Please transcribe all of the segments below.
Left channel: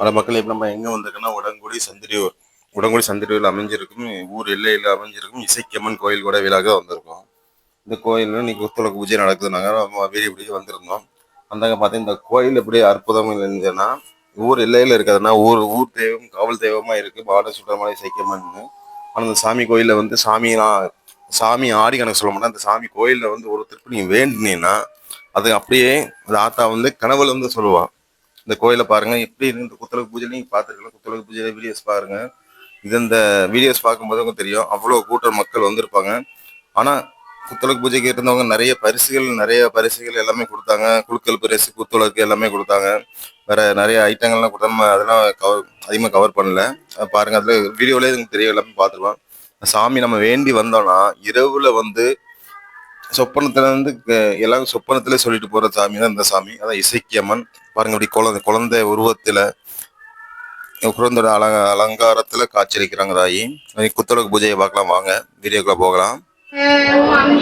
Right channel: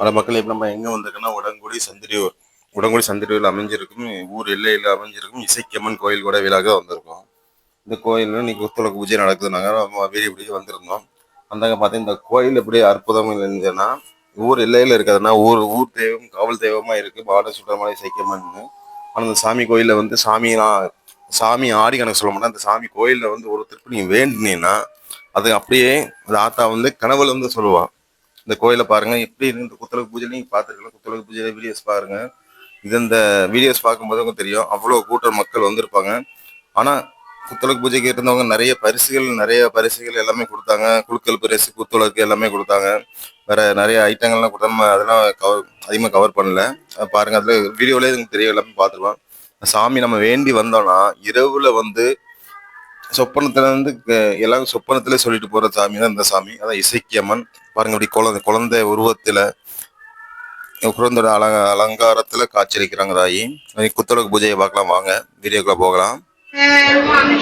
பல மக்கள் இப்போ நம்ம எங்கே வந்திருக்கோம்னா உடங்குடி சந்திரியூர். உடங்குடி சந்திரியூரில் அமைஞ்சிருக்கும் ஊர் எல்லையில் அமைஞ்சிருக்கும் இசைக்கம்மன் கோயில் கூட விழாக வந்திருக்கோம். இந்த கோயிலில் இன்னைக்கு ஒத்துழைப்பு பூஜை நடக்குதுனாங்க நம்ம வீடியோ பிடிக்க வந்திருந்தோம். வந்தாங்க பார்த்தீங்கன்னா இந்த கோயில் எப்படி அற்புதம் இருந்துச்சுன்னா ஊர் எல்லையில் இருக்கிறதுனா ஊர் ஊர் தெய்வம் காவல் தெய்வமாக இருக்குது பாட சுடமலை இசைக்கம்மன் ஆனால் அந்த சாமி கோயிலில் வந்து சாமிலாம் சாமி ஆடி கணக்கு சொல்ல மாட்டேன். அந்த சாமி கோயிலில் வந்து ஒரு நீங்கள் வேண்டினீங்கன்னா அது அப்படியே அந்த ஆத்தா வந்து கனவுல வந்து சொல்லுவான் இந்த கோயிலை பாருங்க. எப்படி இருக்கு குத்தலகு பூஜை நீங்க பார்த்துருக்கலாம் குத்தலகு பூஜையில வீடியோஸ் பாருங்க. இது இந்த வீடியோஸ் பார்க்கும்போது உங்களுக்கு தெரியும். அவ்வளோ கூட்டம் மக்கள் வந்திருப்பாங்க. ஆனா குத்தலகு பூஜைக்கு இருந்தவங்க நிறைய பரிசுகள் நிறைய பரிசுகள் எல்லாமே கொடுத்தாங்க. குழுக்கள் பரிசு குத்துலகு எல்லாமே கொடுத்தாங்க. வேற நிறைய ஐட்டங்கள்லாம் கொடுத்தா நம்ம அதெல்லாம் கவர் அதிகமாக கவர் பண்ணல. பாருங்க அதுல வீடியோலேயே எனக்கு தெரியும். எல்லாமே பார்த்துருவோம் சாமி நம்ம வேண்டி வந்தோம்னா இரவுல வந்து சொப்பனத்துல வந்து எல்லாரும் சொப்பனத்துல சொல்லிட்டு போற சாமி தான் இந்த சாமி. அதான் இசைக்கியம்மன் பாருங்க இப்படி குழந்தை குழந்தை உருவத்துல குழந்தையோட அலங்க அலங்காரத்துல காட்சியளிக்கிறாங்க ராயி. குத்தலகு பூஜையை பார்க்கலாம் வாங்க. வீடியோக்குள்ள போகலாம். ஓம்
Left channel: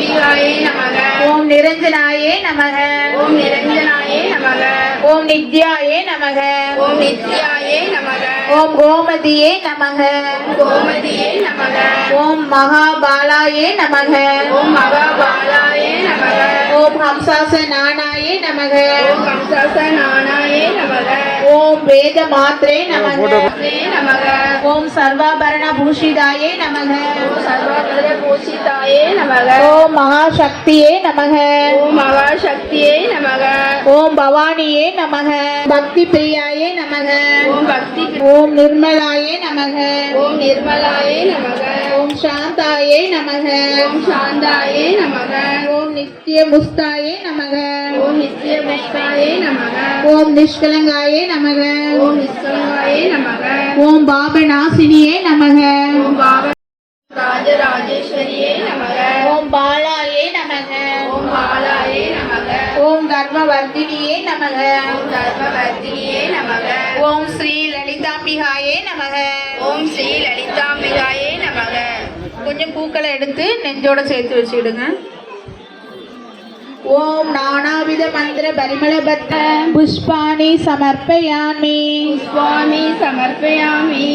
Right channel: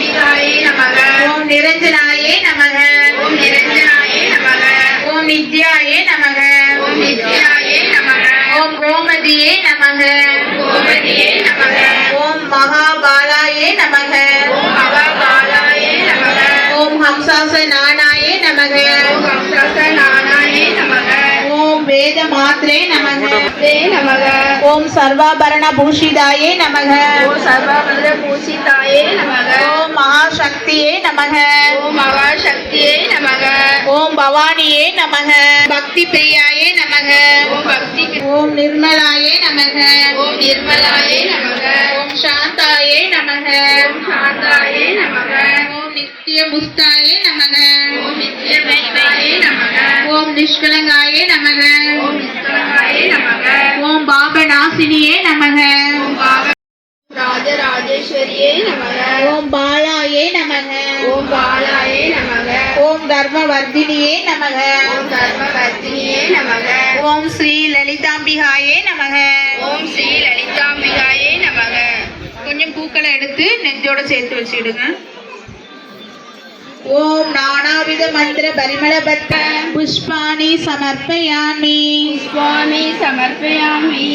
நிரஞ்சனாயே நமக. ஓம் நிரஞ்சனாயே நமக. ஓம் நித்யாயே நமக. ஓம் நித்யாயே ஓம் கோமதியே நமக. கோமதியே நமக ஓம் மகாபாலாயே நமக ஓம் மகாபாலாயே நமக ஓம் ஹம்சாச நானாயே நமக. ஓம் ஹம்சாச நானாயே நமக. வேத மாத்ரே நமக. ஓம் சர்வாபரண பூஷிதாயே நமக. ஓம் சர்வபத பூஷிதாயே நமக. ஓம் மகாசக்தியே நமக. ஓம் மகாசக்தியே நமக. ஓம் பவானியே நமக. பக்தி பிரியாயே நமக. ஓம் பக்தி ஓம் நிர்மலாயே நமக. ஓம் நிர்மலாயே நமக. ஓம் சாந்தாயே நமக ஓம் சாந்தாயே நமக ஓம் நித்திய முஸ்தாயே நமக ஓம் நித்யபக்தாயே நமக ஓம் நிஷ்கலங்காயே நமக ஓம் நிஸ்கலங்காயே நமக ஓம் பாபநாசினியே நமக ஓம் பாவ ராஜராஜேஸ்வரியே நமக ஓம் பாலாயே நமக ஓம் பாலாயே நமக ஓம் தர்மவர்தினியே நமக ஓம் தர்மவர்த்தினியே நமக ஓம் ஸ்ரீ லலிதாம்பிகாயே நமக ஓம் ஸ்ரீ லலிதாம்பிகாயே நமக கொஞ்சம் பூக்களை எடுத்து நெஞ்சோட சேர்த்து வச்சிடுங்க ஓம் நானாவித மந்திர பரிமளபட்ட புஷ்பாணி சமர்ப்பயாமி. சுவாமி சமர்ப்பயாமி.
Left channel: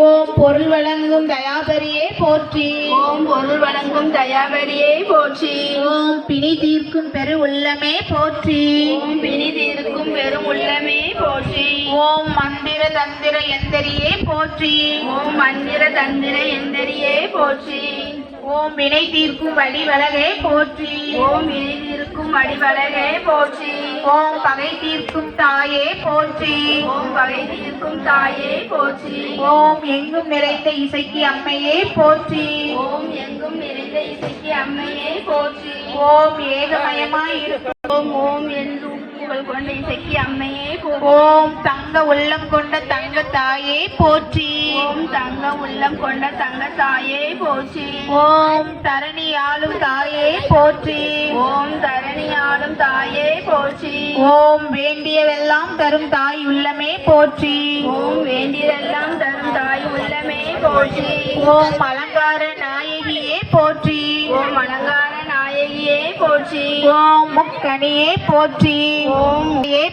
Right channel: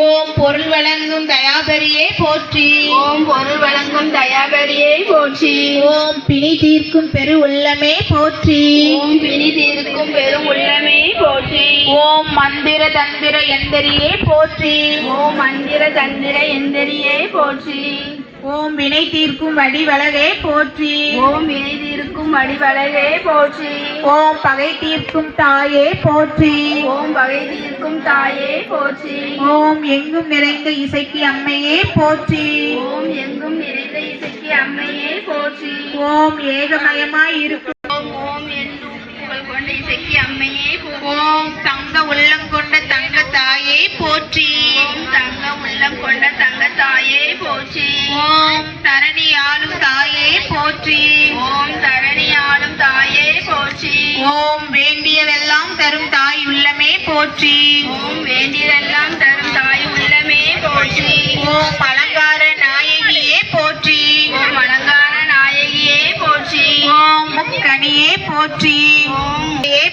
ஓம் பொருள் வழங்கும் தயாபரியே போற்றி ஓம் பொருள் வழங்கும் தயாபரியே போற்றி ஓம் பிணி தீர்க்கும் பெரு உள்ளமே போற்றி ஓம் பிணி தீர்க்கும் பெரும் உள்ளமே போற்றி ஓம் மந்திர தந்திர எந்தரியே போற்றி ஓம் மந்திர தந்திர எந்திரியே போற்றி ஓம் வினை தீர்க்கும் வடிவழகே போற்றி ஓம் வினை தீர்க்கும் அடிவளரே போற்றி ஓம் பகை தீர்க்கும் தாயே போற்றி ஓம் பகை தீர்க்கும் தாயே போற்றி. ஓம் எங்கும் நிறைந்த இசைக்கு அம்மையே போற்றி. ஓம் எங்கும் நிறைந்த இசைக்கு அம்மையே போற்றி. ஓம் ஏகமயமாய் இருக்கும். ஓம் ஓம் என்று புகழ் கொண்ட இசைக்கு அம்மையே ஓம் தங்க உள்ளம் கொண்ட தங்க தாயே போற்றி. ஓம் தங்க உள்ளம் கொண்ட தங்க தாயே போற்றி. ஓம் தரணி ஆளும் தாயே போற்றி. ஓம் தரணி ஆளும் தாயே போற்றி. ஓம் வேண்டியவெல்லாம் தரும் தாய் உள்ளமே போற்றி. ஓம் வேண்டியதெல்லாம் தரும் தாய் உள்ளமே போற்றி. ஓம் அலங்கார நாயகியே போற்றி. ஓம் அலங்கார நாயகியே போற்றி. ஓம் முக்கணியே போற்றி ஓம்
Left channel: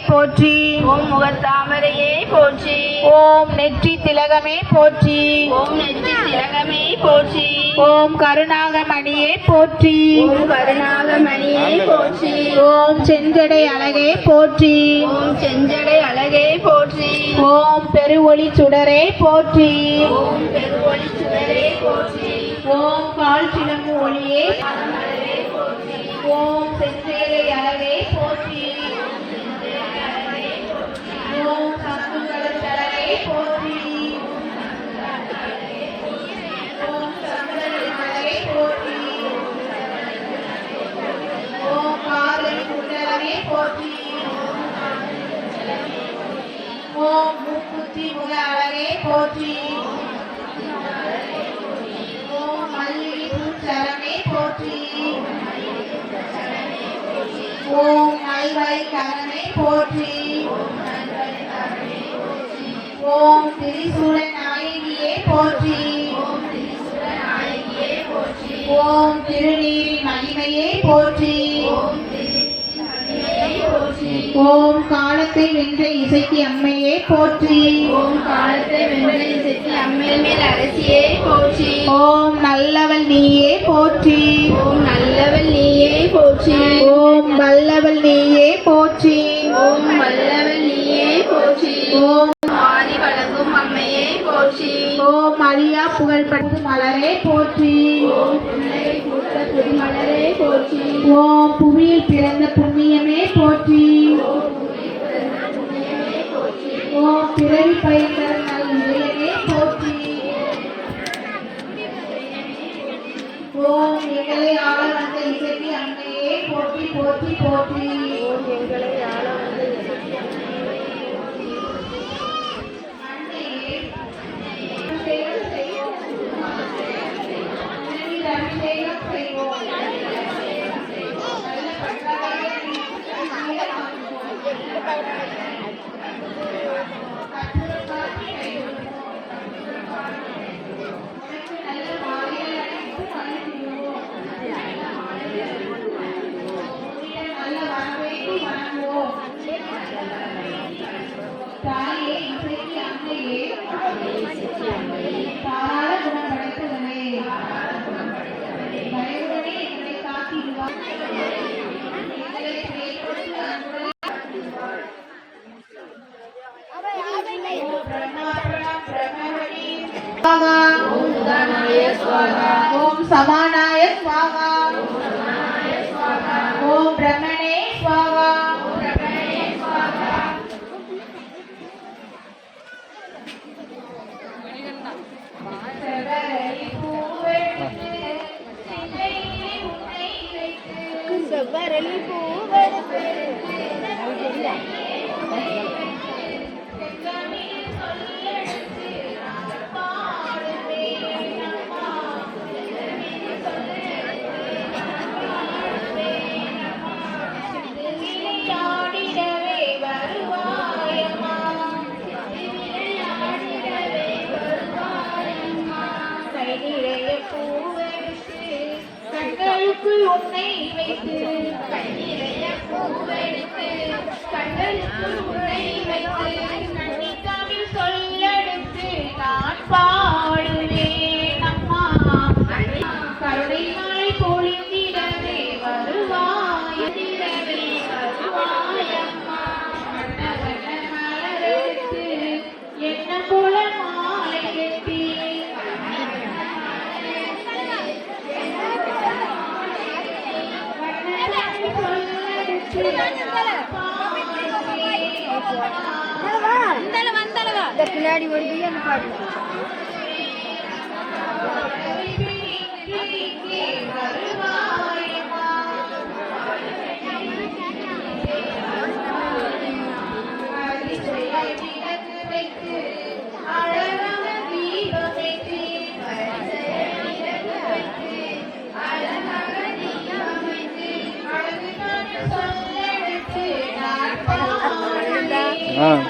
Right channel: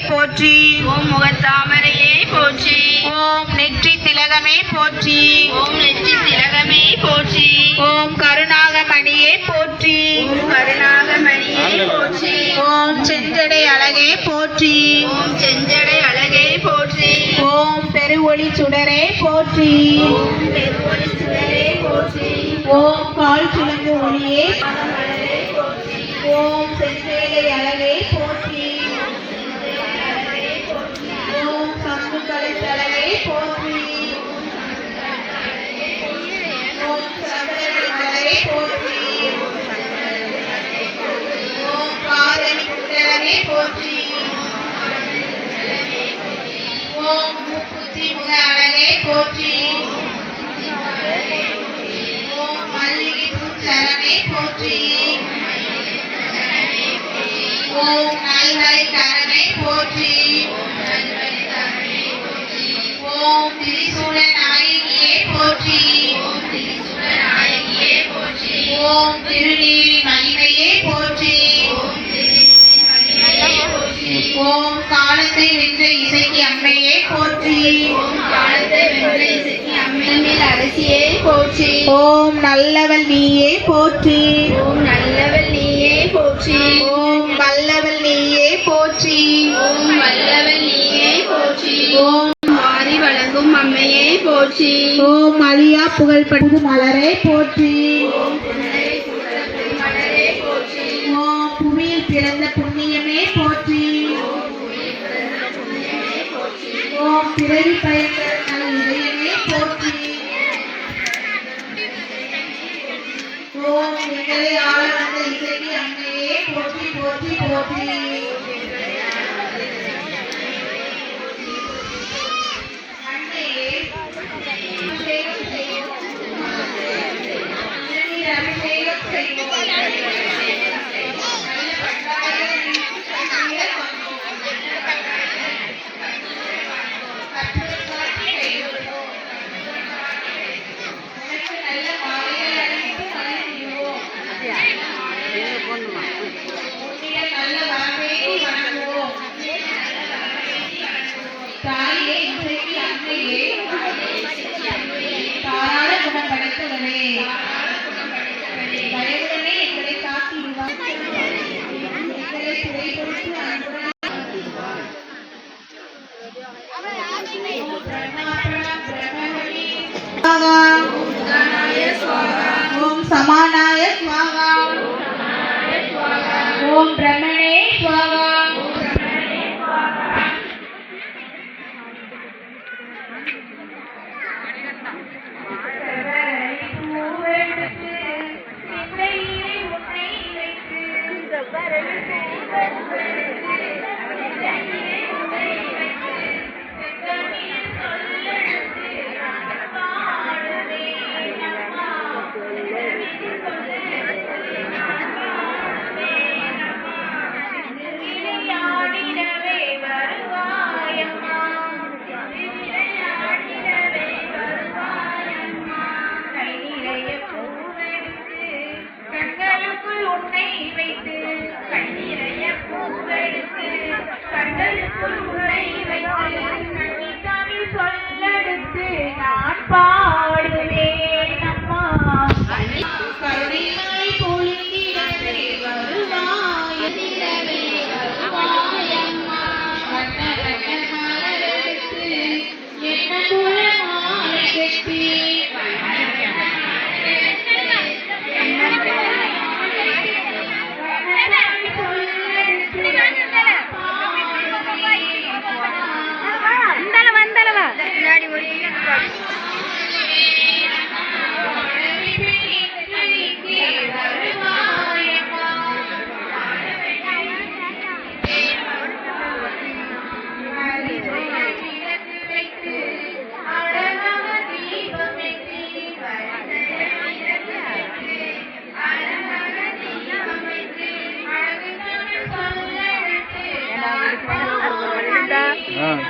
போற்றி ஓம் முகத்தாமரையே போற்றி ஓம் நெற்றி திலகமே போற்றி ஓம் நெற்றி திலகமே போற்றி ஓம் கருணாகமணியே போற்றி ஓம் கருணாகமணியே போற்றி ஓம் செஞ்சடை அழகே போற்றி ஓம் செஞ்சடை அழகே போற்றி ஓம் பெருவொளி சுடரே போற்றி ஓம் பெருவொளி சுடரே போற்றி ஓம் கால் சிலம்பு ஒளியே திருநீர் மகிமையே போற்றி. ஓம் காலத்தை வென்ற இசைக்கு அம்மையே போற்றி. ஓம் காலத்தை வென்ற இசைக்கு அம்மையில் அரசியே போற்றி ஓம் நல்லவள் நீயே போற்றி. ஓம் நல்லவள் நீயே போற்றி ஓம் வல்லவள் நீயே போற்றி. ஓம் வல்லவள் நீயே போற்றி ஓம் ஆதி வழங்கும் அம்மையே போற்றி. ஓம் அழியா புகழ் படுது மலரே போற்றி. பிறந்த புண்ணியமே போற்றி. ஓம் பிறவி பயிற்சி ஓம் சமானாய சுவாகா. ஓம் பிரம்மணே சுவாகா. Amen.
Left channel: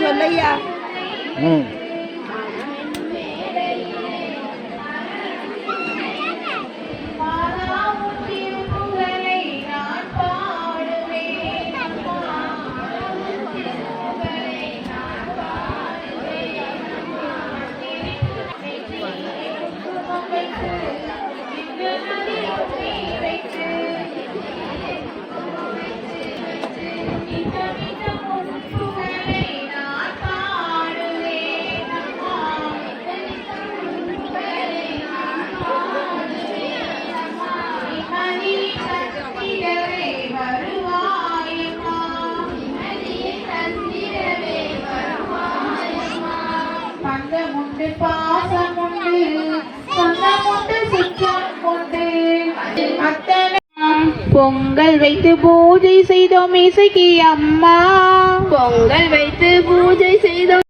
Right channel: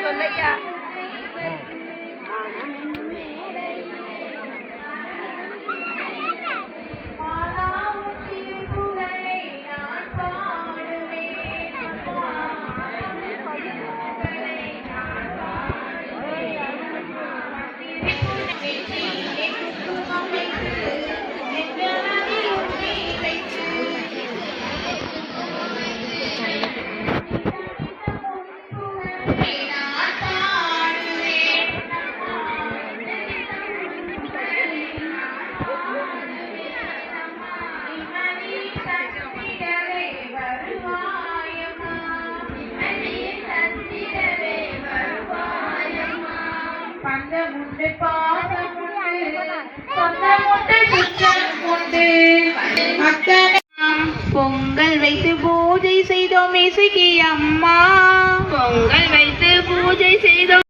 சொல்லையா? வைத்து பூஜை செய்தோம் இசைக்கு அம்மா. பொங்கல் வைத்து பூஜை செய்தோம்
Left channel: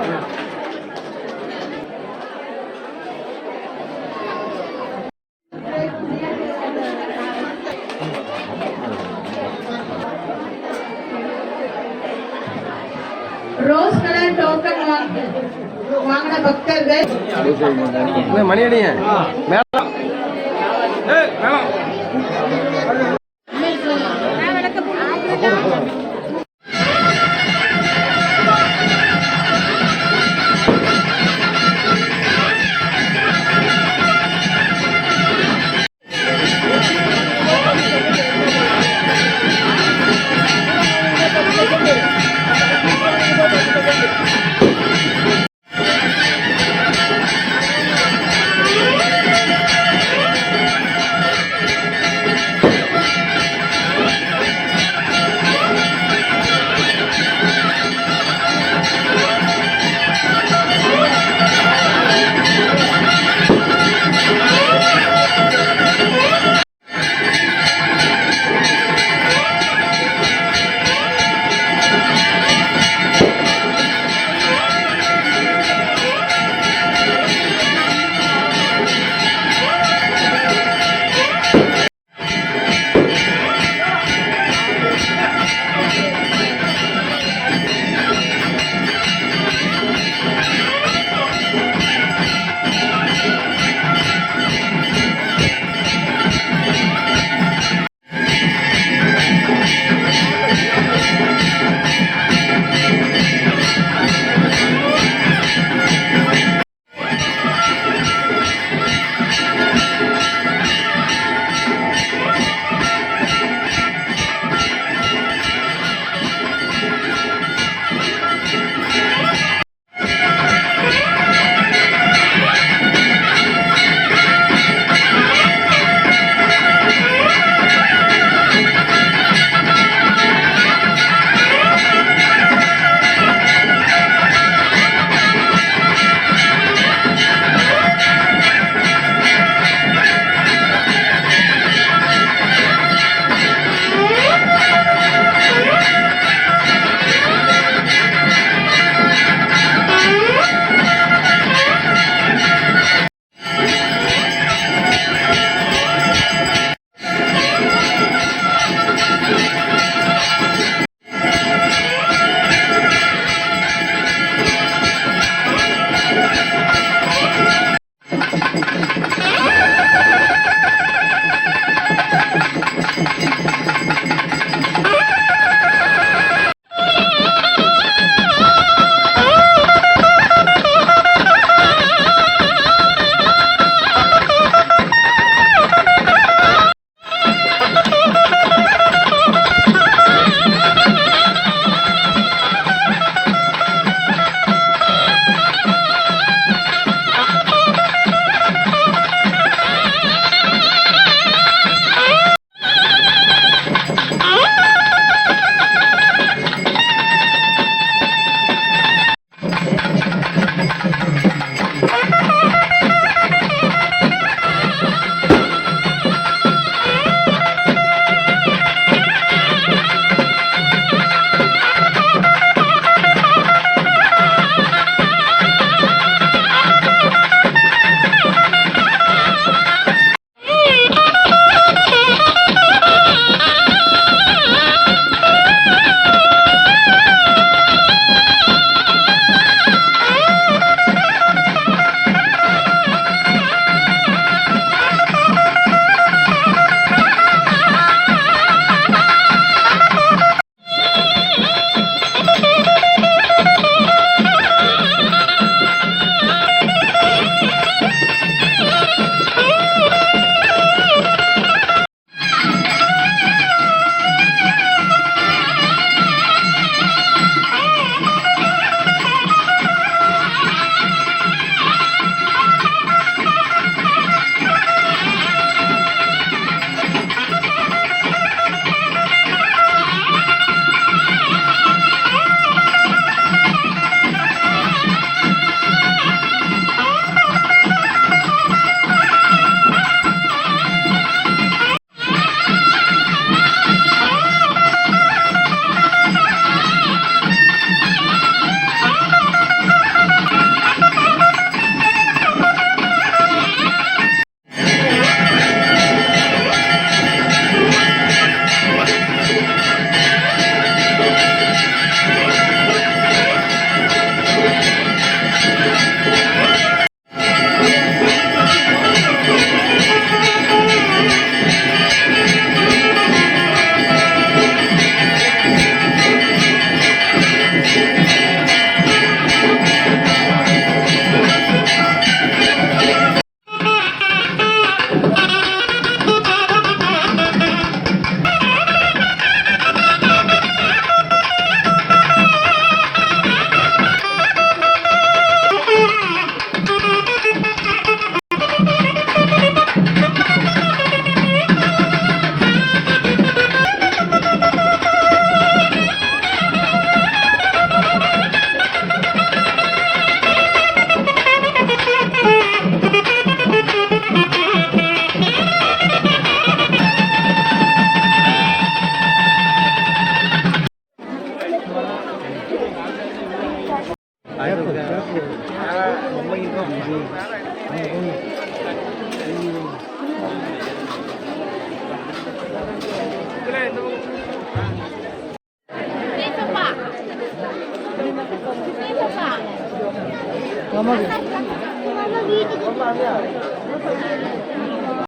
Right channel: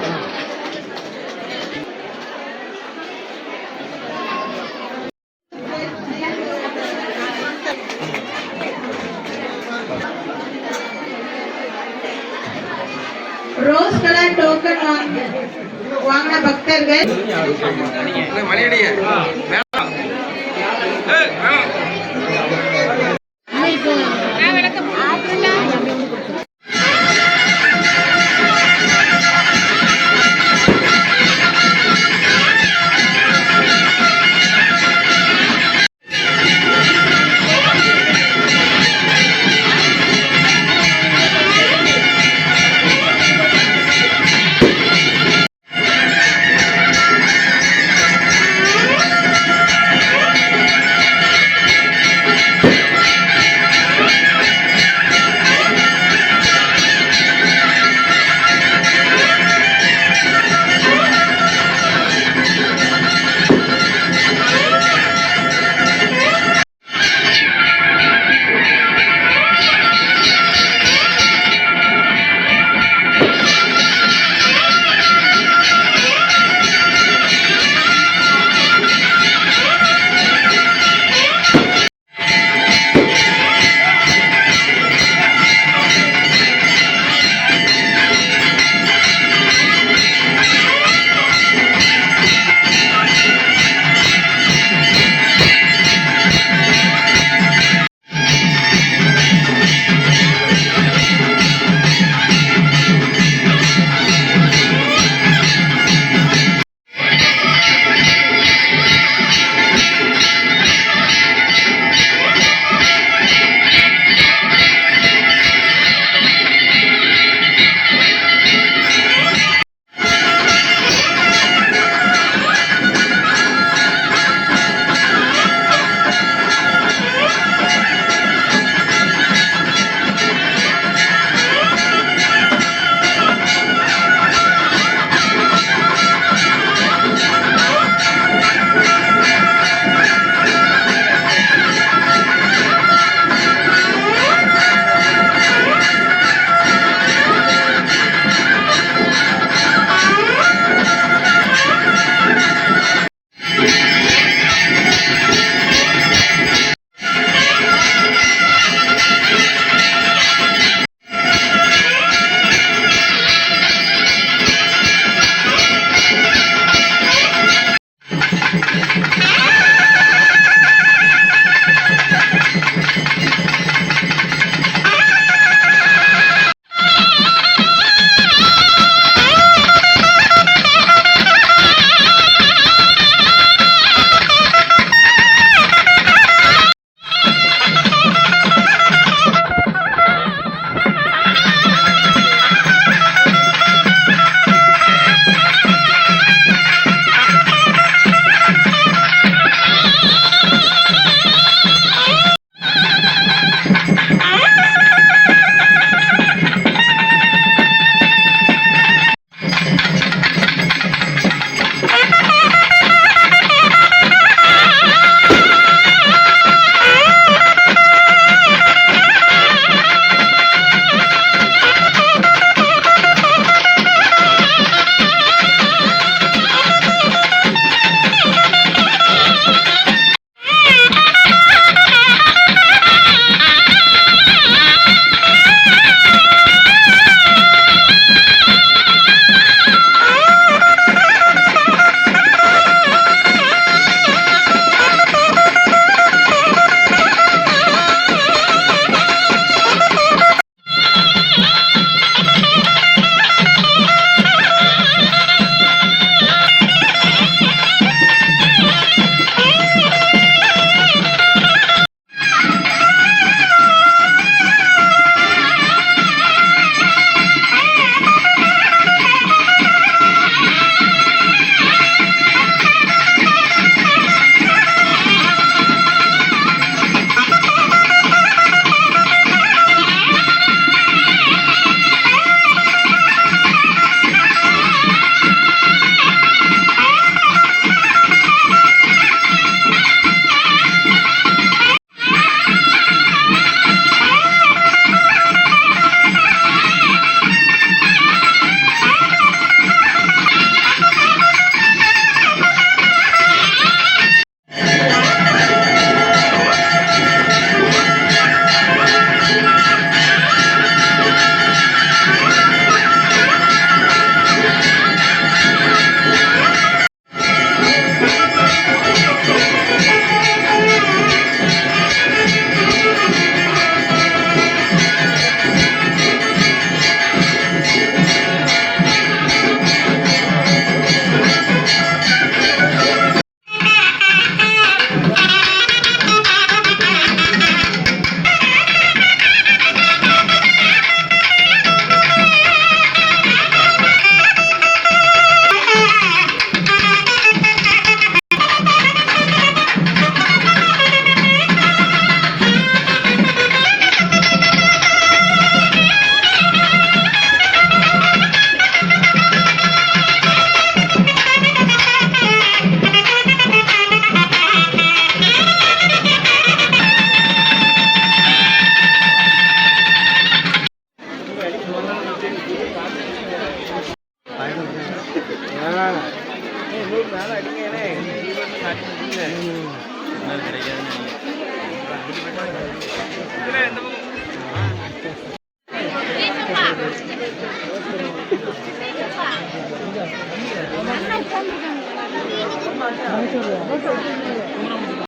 ரோஸ் கலர் டோக்கன் வாங்க. வாங்கின பக்தர்கள்.